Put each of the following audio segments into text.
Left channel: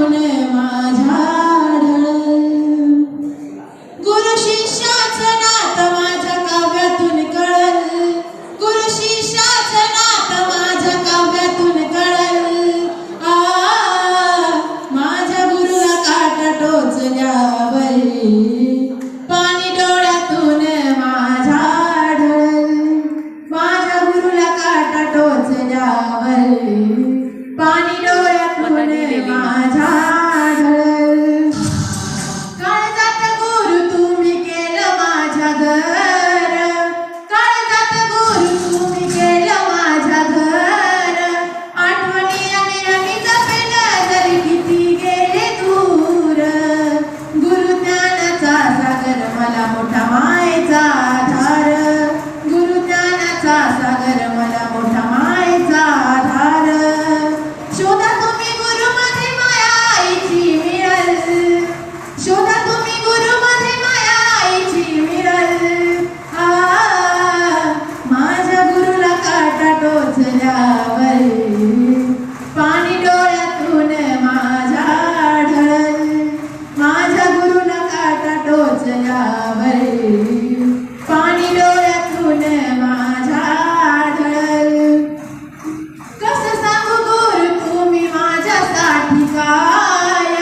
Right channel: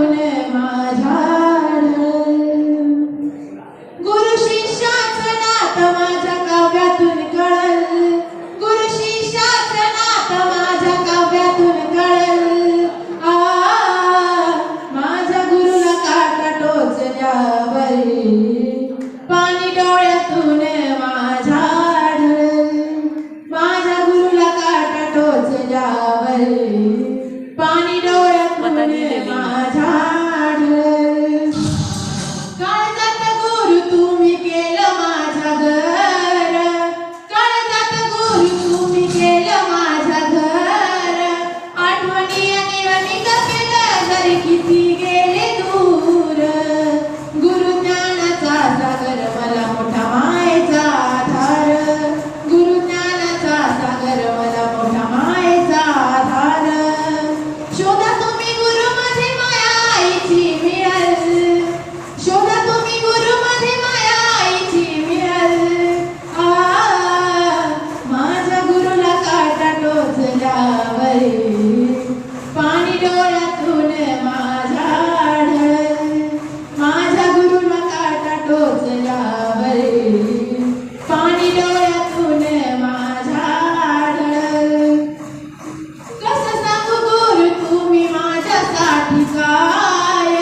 डोळ्यातून माझ्या गुरु शिष्याचं नातं माझ्या काव्यातून कळल, गुरु शिष्याचं नातं माझ्या काव्यातून कळल. माझ्या गुरुला काटा टोचल्यावर पाणी डोळ्यातून माझ्या ढळल, माझ्या गुरुला काटा टोचल्यावर पाणी डोळ्यातून माझ्या ढळल. काळजात गुरु तुम्ही केलं माझ्या घर, काळजात गुरु तुम्ही केलं माझ्या घर. आठवणी आणि जपेलं जरी किती गेले दूर, गुरु ज्ञानाचा सागर मला मोठा मायेचा आधार, गुरु ज्ञानाचा सागर मला मोठा मायेचा आधार. शोधा तुम्ही गुरु माझी माया आईची मिळल, शोधा तुम्ही गुरु माझी माया आईची मिळल. माझ्या गुरुला काटा टोचल्यावर पाणी डोळ्यातून माझ्या ढळल, माझ्या गुरुला काटा टोचल्यावर पाणी डोळ्यातून माझ्या ढळल. कसं सांगू गुरु तुम्ही माझ्यासाठी काय,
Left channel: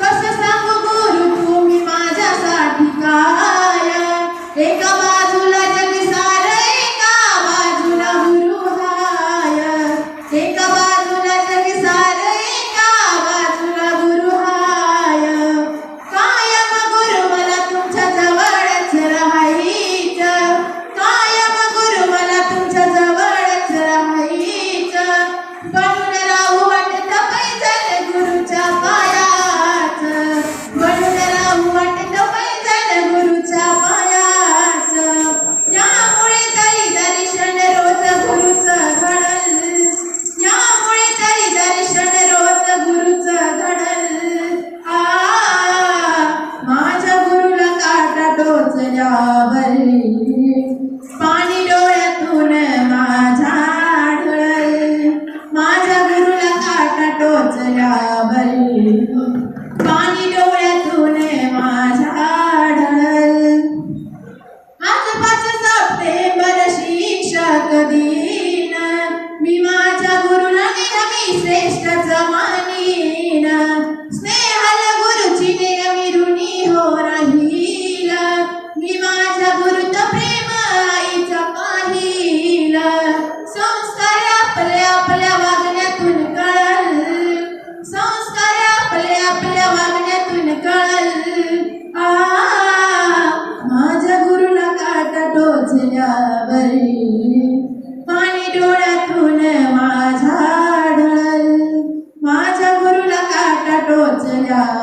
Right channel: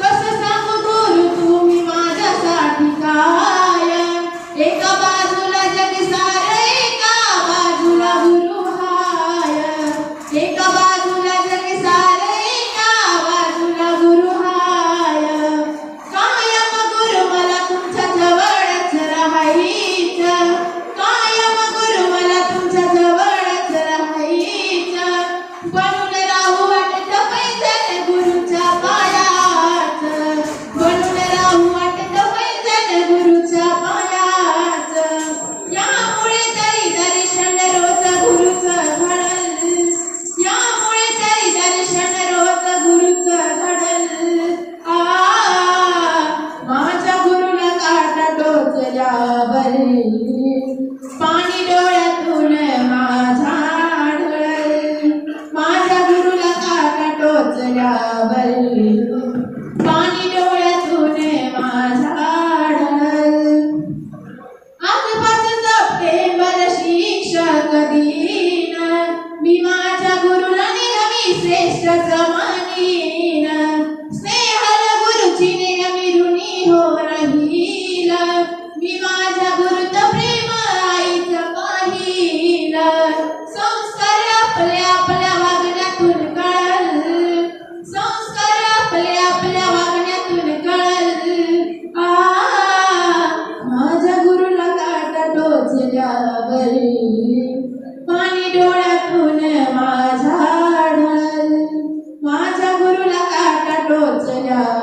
कसं सांगू गुरु तुम्ही माझ्यासाठी काय. एका बाजूला जग सारं, एका बाजूला गुरु हाय, एका बाजूला जग सारं, एका बाजूला गुरु हाय. कायम गुरु मला तुमच्या जवळच राहायचं, कायम गुरु मला तुमच्या जवळच राहायचं. बनून राहू वाटत पैजण गुरुच्या पायात, बनून राहू वाटत पैजण गुरुच्या पायात. यामुळे तरी दर्शन रोज गुरुचं घडल, यामुळे तरी दर्शन रोज गुरुचं घडल. माझ्या गुरुला काटा टोचल्यावर पाणी डोळ्यातून माझ्या ढळल, माझ्या गुरुला काटा टोचल्यावर पाणी डोळ्यातून माझ्या ढळल. आज 5 सप्टेंबर शिक्षक दिन, मी माझ्या गुरुला नेहमी श्रेष्ठच मानीन. स्नेहाल गुरुची नेहमी ऋणी हो राहील, मी माझ्या गुरुच प्रेम आईचं पाहिल. संस्कार आपल्या आपल्या वागण्यातून कळल, संस्कार आपल्या आपल्या वागण्यातून कळल. माझ्या गुरुला काटा टोचल्यावर पाणी डोळ्यातून माझ्या ढळल, माझ्या गुरुला काटा टोचल्यावर